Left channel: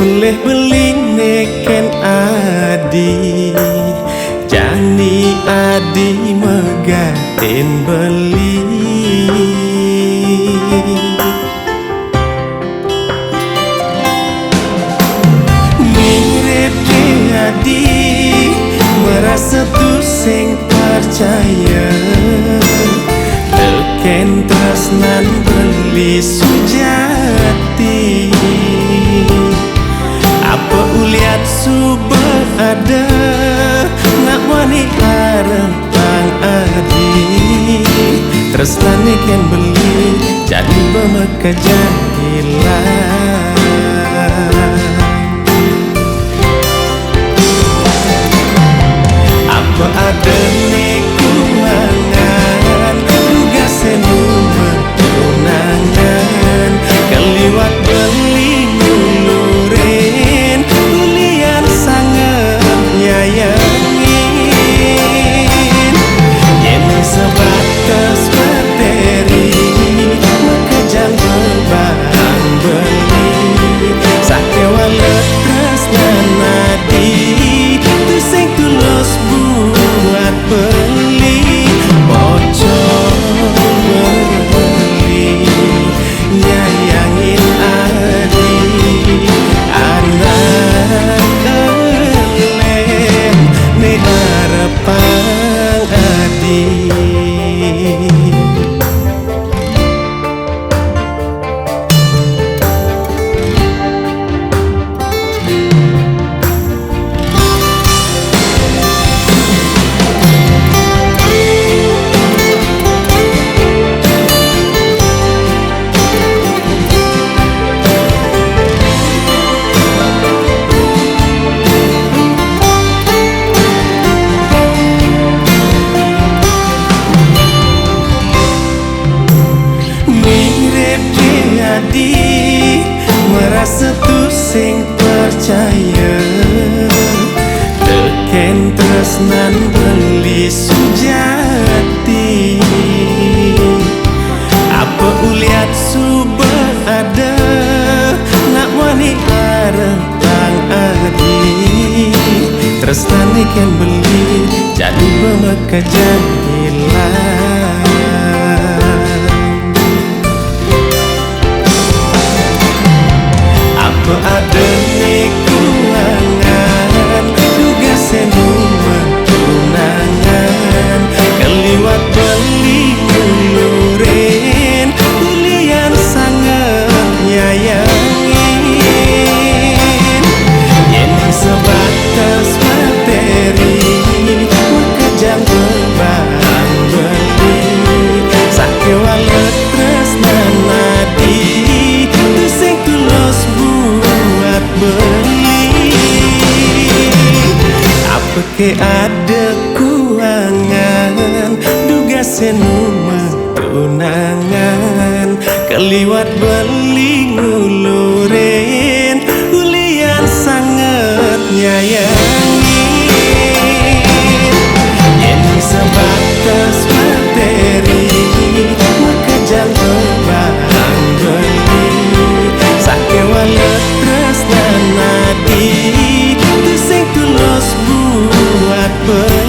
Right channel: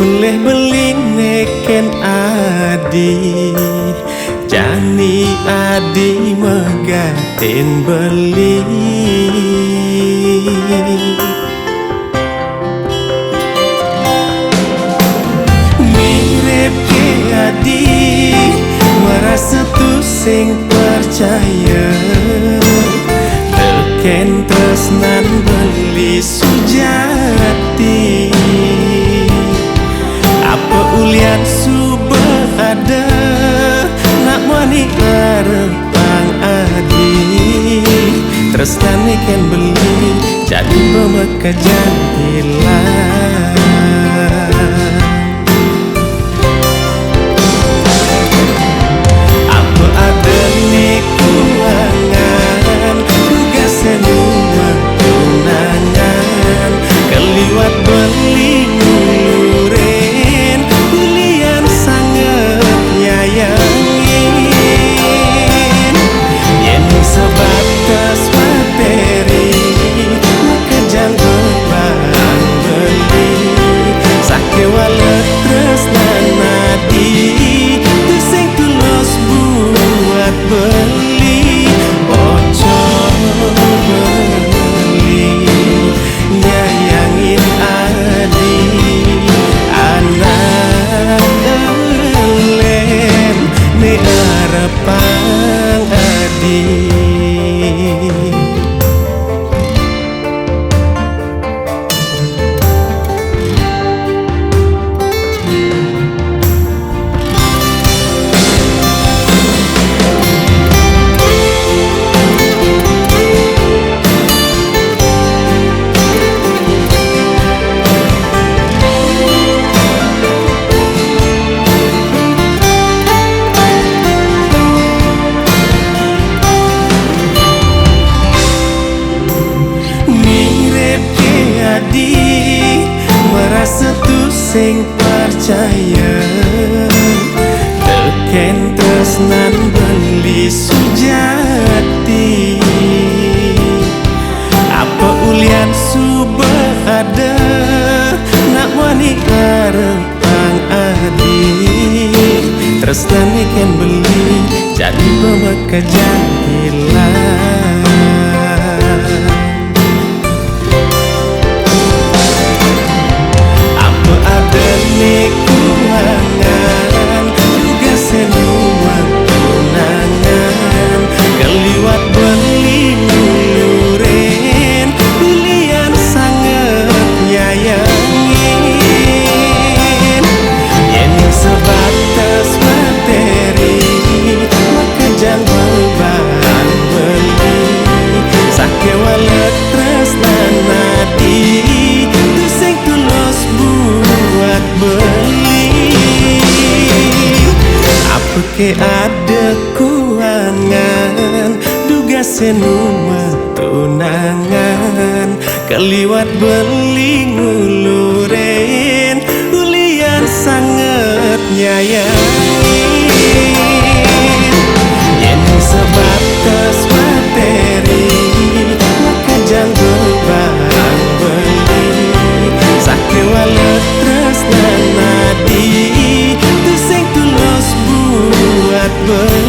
Peleh beli neken adi, jani adi megatin beli. Mirip ke adi, merasa tu sing percaya. Teken tresnan beli sujati. Apa ulian suba ada, nak mani arepang adi. Tresnan ikan beli, jadi pemekajan hilang. Apa ada nekuangan, duga senuma tunangan. Keliwat beli ngulurin, ulian sangat nyayangin. Yening sebatas materi, maka jangan bebang beli. Sake walet tresnan nadi, tu sing tulus buat beli. Bocol beli, nyayangin adi. Anak elen, ne arepang adi. Adi, merasa tu sing percaya. Teken tresnan beli sujati. Apa ulian suba ada, nak mani arepang adi. Tresnan ikan beli, jadi pemekajan hilang. Apa ada nekuangan, duga senuma tunangan. Keliwat beli ngulurin, ulian sangat nyayangin. Yening sebatas materi, maka jangan bebang beli. Sake walet tresnan nadi, tu sing tulus buat beli. Apa ke ada kuangan, duga senuma tunangan. Keliwat beli ngulurin, ulian sangat nyayangin. Yening sebatas materi, maka jangan bebang beli. Sake walet tresnan nadi, tu sing tulus buat beli.